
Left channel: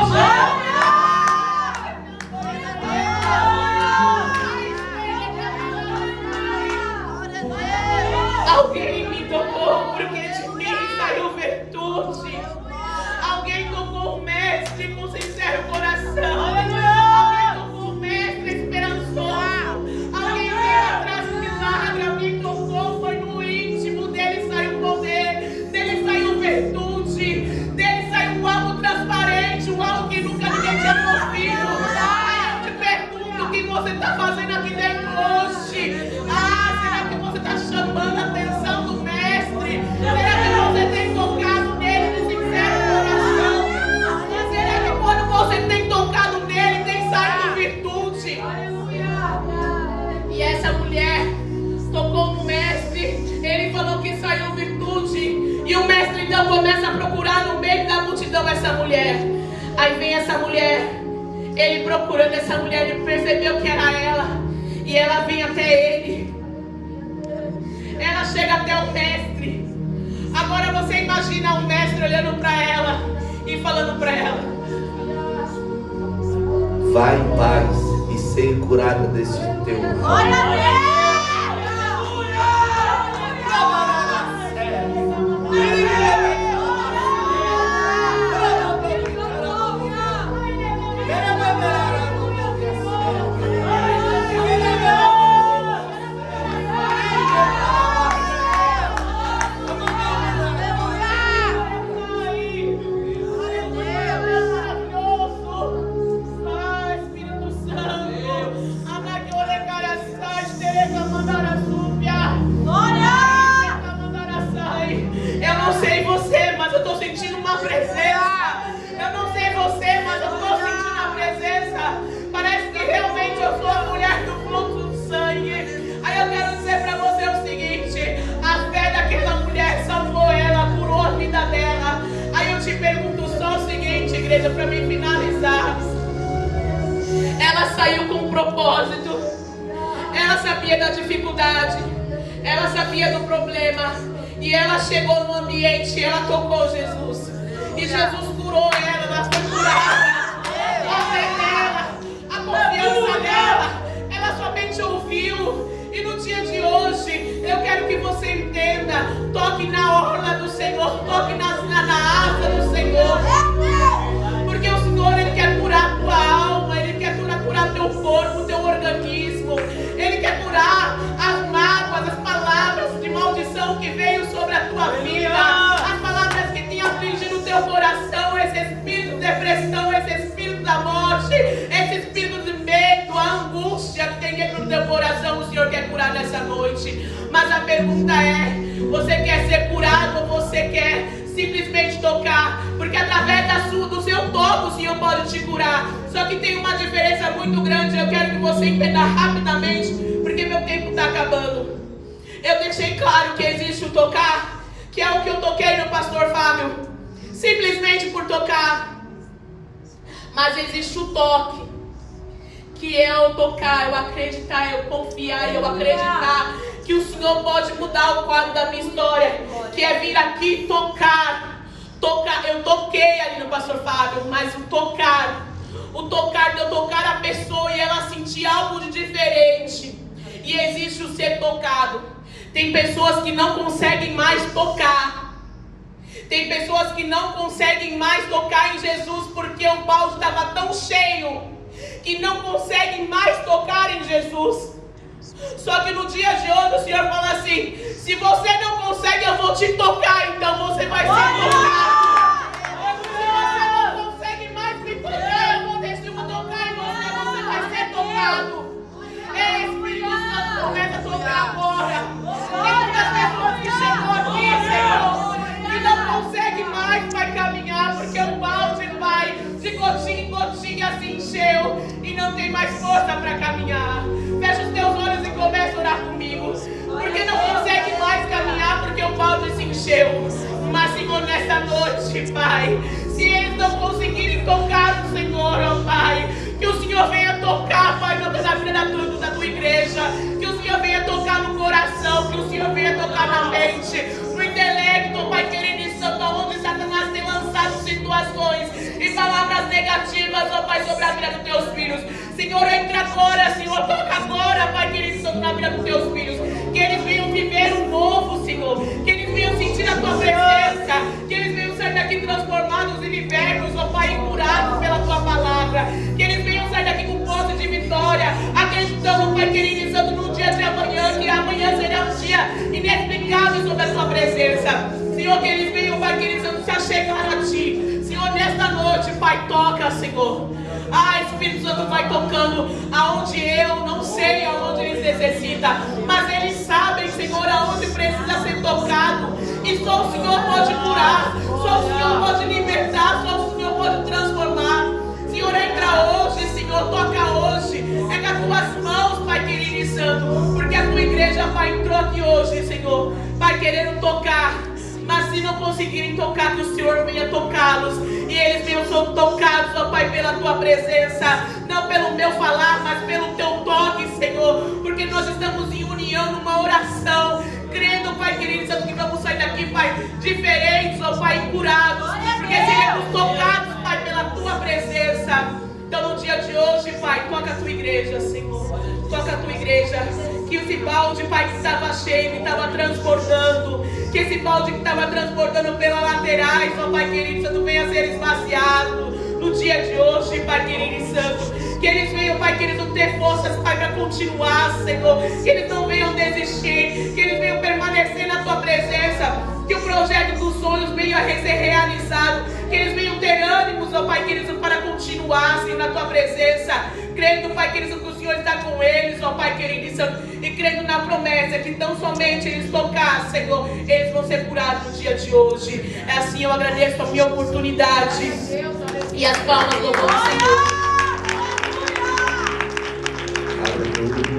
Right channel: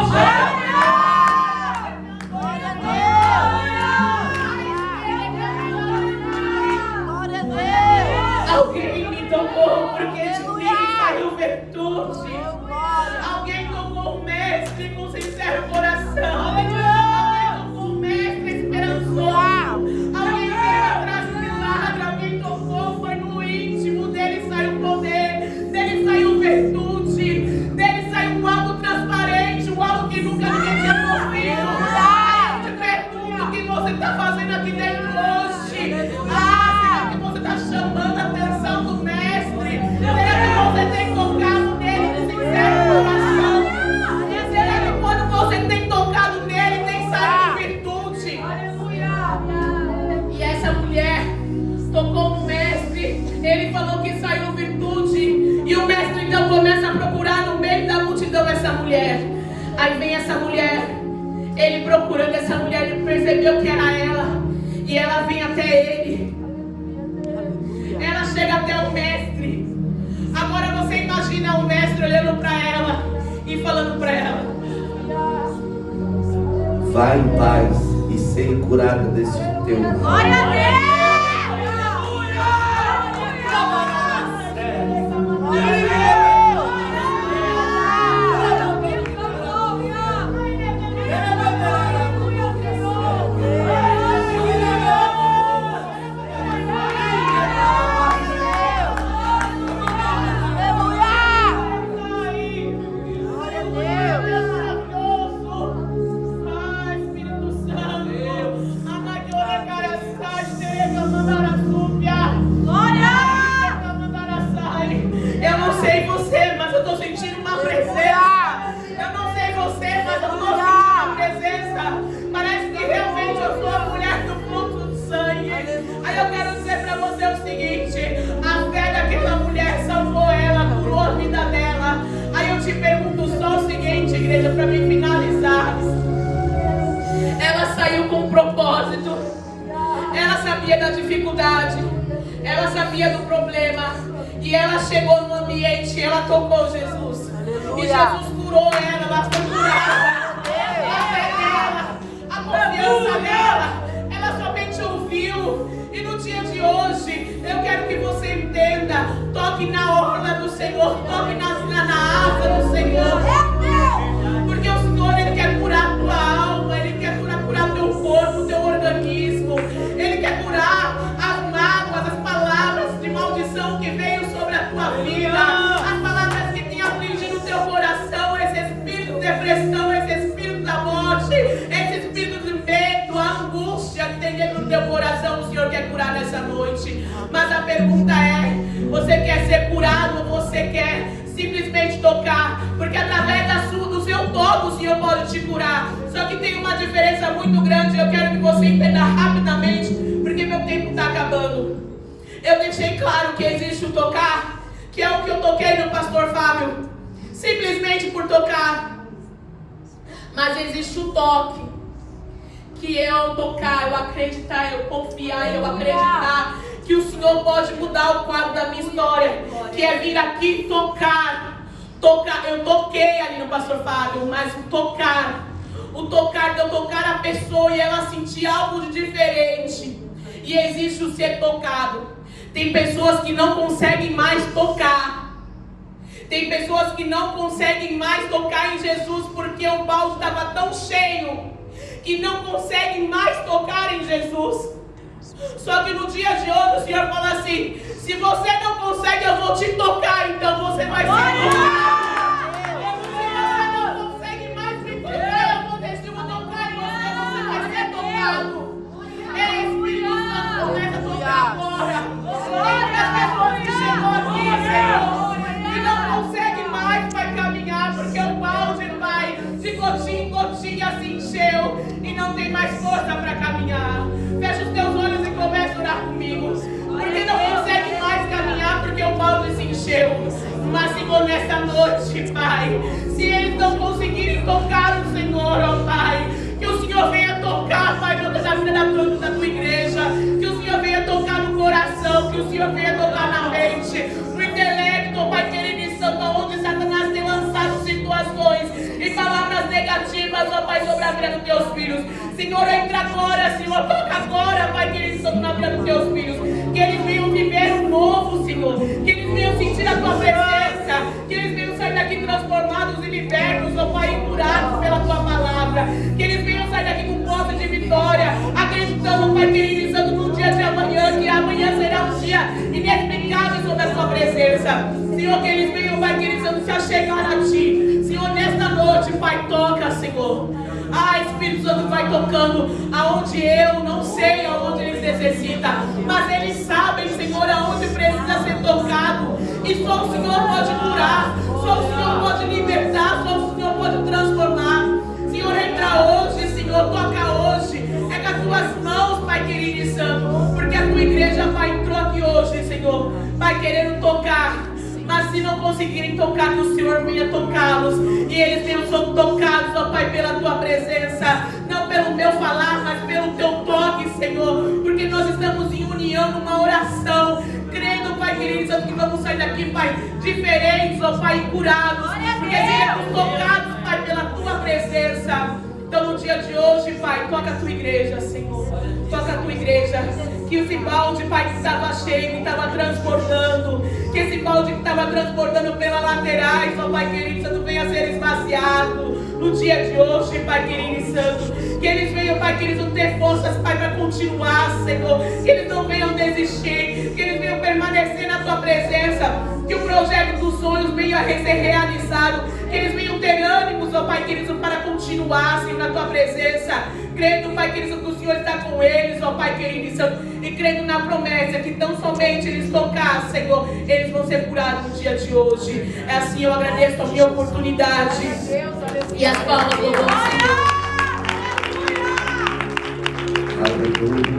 Alguém me tocou, porque de mim saiu virtude. Alguém tocou o mestre com sincero coração. Alguém tocou o mestre esperançoso. Alguém veio atrás do milagre. Alguém tocou, foi no íntimo. Dele saiu poder, dele saiu virtude, dele saiu algo transparente, algo que nunca ninguém tinha ouvido. Eu te pergunto o que você está fazendo aqui dentro hoje. Será que você está chamando a atenção do mestre? Será que você tem tocado nele de sincero coração? Será que quando você tem tocado nele, tem saído virtude? E essa mulher tocou no mestre, ele falou que saiu virtude. E o mestre então começa a procurar no meio da multidão essa mulher. Aí vem essa mulher, ele procurando essa mulher, ele percebeu que era ela. E ela vem até ele. Ela chega até o mestre. Agora você imagina o mestre olhando para ela e falando para ela: vai em paz e seja curada desse teu mal. Glória a Deus! Eu não sei você, mas eu estou sentindo uma presença. Eu não sei você, mas eu estou sentindo uma presença. Parece que realmente eu sou a mulher do fluxo de sangue. Aí eu quero dizer para você o seguinte: a fé daquela mulher salvou ela, curou a vida dela. Aí eu te pergunto só o seguinte, igreja, para me finalizar. Ela saiu com um propósito. Ela sabia da dificuldade. Ela sabia do problema. E ela chegou no ambiente, ela tocou Jesus. E Jesus curou ela, ela foi curada. A fé dela, a confiança dela, ela somente ouviu. E no dia de hoje, eu quero que você entenda: toque na orla do Senhor, toque na asa do Senhor. Porque o Senhor, Ele quer curar a tua alma, Ele quer curar o teu corpo, o teu organismo. Ele quer curar as mágoas, as palavras de maldição que veio sobre a tua vida, as palavras que têm afligido o teu coração, esse espírito de depressão, esse espírito da morte, esse espírito de medo, a angústia que tem dentro do teu coração. O Senhor quer curar nessa noite. Mas a pergunta é: você quer ser curado ou você quer simplesmente tocar? Porque através do seu toque o Senhor pode te curar. Só que tem uma diferença muito grande. Eu quero que você entenda rapidamente, porque meu tempo está acabando. Eu deixei claro que existe o tocar, que é o que eu toquei no pastor Fábio, simplesmente por tocar. Mas existe o toque, que é eu tocar, eu acreditar, eu confiar, eu acreditar que o Senhor pode mudar o quadro da minha história, que é vir aqui tocar Eu toquei ali no pastor Fábio, mas o tocar de eu tocar a pessoa e ela sentir algo de diferente. E existe o ser tocado. Tem pessoas que não conseguem mais tocar. Tem pessoas que não conseguem mais tocar em Jesus porque o balde estava tão cheio que não conseguem mais tocar em Jesus. Só que no dia de hoje o Senhor fala assim: se você não consegue, eu vou te tocar, então você vai ser tocado. Se você não consegue mais me tocar, eu vou tocar em você vai ser tocado. É Espírito Santo, começa a tocar agora. Tem muitas pessoas que chegam aqui, Senhor, e não conseguem mais vai caminhar, porque o balde vai de gotinha em gotinha se encheu e não tem mais força para caminhar. Fecha os teus olhos e começa a orar comigo. Porque não consegue mais caminhar porque o balde se encheu. Mas, Senhor, nessa noite, Pai, se eles não conseguirem tocar o Senhor, ó Pai, que o Senhor venha tocar, Pai, na vida da tua igreja. Que o Senhor venha tocar no coração, que o Senhor venha tocar na mente, no intelecto, Pai querido e santo, onde Satanás tem lançado situações e palavras negativas, ó Pai, sobre a vida dos teus filhos. Senhor, entra agora, Senhor, toca agora, Pai querido e santo, na vida dos teus filhos. Que eles venham viver o novo, Senhor. Que eles venham sentir a tua presença. Que eles venham sair daqui transformados e libertos, ó Pai, e curados pela tua palavra. Que eles venham sair daqui com posse de vitória, acreditando, Pai querido e santo, no dia de amanhã, que amanhã será um dia inexplicável sobre a tua presença. Senhor, que eles venham, Pai querido e santo, se achegar a ti. Senhor, nesta noite, Pai, toca, Senhor. Espírito Santo, vai tocando aonde eu não sei, aonde eles necessitam, mas eles sabem, Senhor, aonde precisa ser tocado. E só o Senhor pode curar, só o Senhor pode libertar, só o Senhor pode transformar. Senhor, entra hoje, Senhor, toca hoje. Pega as tuas mãos, Pai querido e santo, porque a tua igreja, Pai, entrou aqui hoje, Senhor, Pai, querendo tocar. Mas se não conseguirem tocar, que o Senhor venha tocá-los. E eles venham ser tocados, ó Pai, pela tua presença. Não pelo meu falar, mas pelo teu toque, Senhor. Porque nós estamos em união, numa oração, crendo, Pai querido, que vamos sair daqui, Pai, diferentes, ó Pai, curados. Porque seremos tocados, Pai, pela tua presença. Então no dia de hoje, Pai, toca a tua igreja, Senhor. Toca a tua igreja. Que esse balde, Pai, que estava cheio, que estava transbordando, que esse balde que estava transbordando pelas laterais, ó Pai querido e santo, venha ser esvaziado no dia de hoje, Pai querido e santo. Que eles venham, Pai querido, ter forças, Pai, para continuar, Senhor. Que eles não venham desistir, que eles venham permanecer na tua presença. Que o projeto dos sonhos venha a ser realizado. Que eles venham ter ânimos, ó Pai querido, para continuar, Senhor, na tua presença. Crendo, Pai querido, que o Senhor está com eles, ó Pai querido e santo. E crendo na promessa que tão somente eles tocar, Senhor, eles vão ser curados no dia de hoje. É assim, eu agradeço a minha oportunidade. E as palmas do Senhor. Aleluia.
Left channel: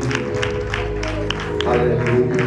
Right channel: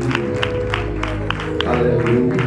Aleluia.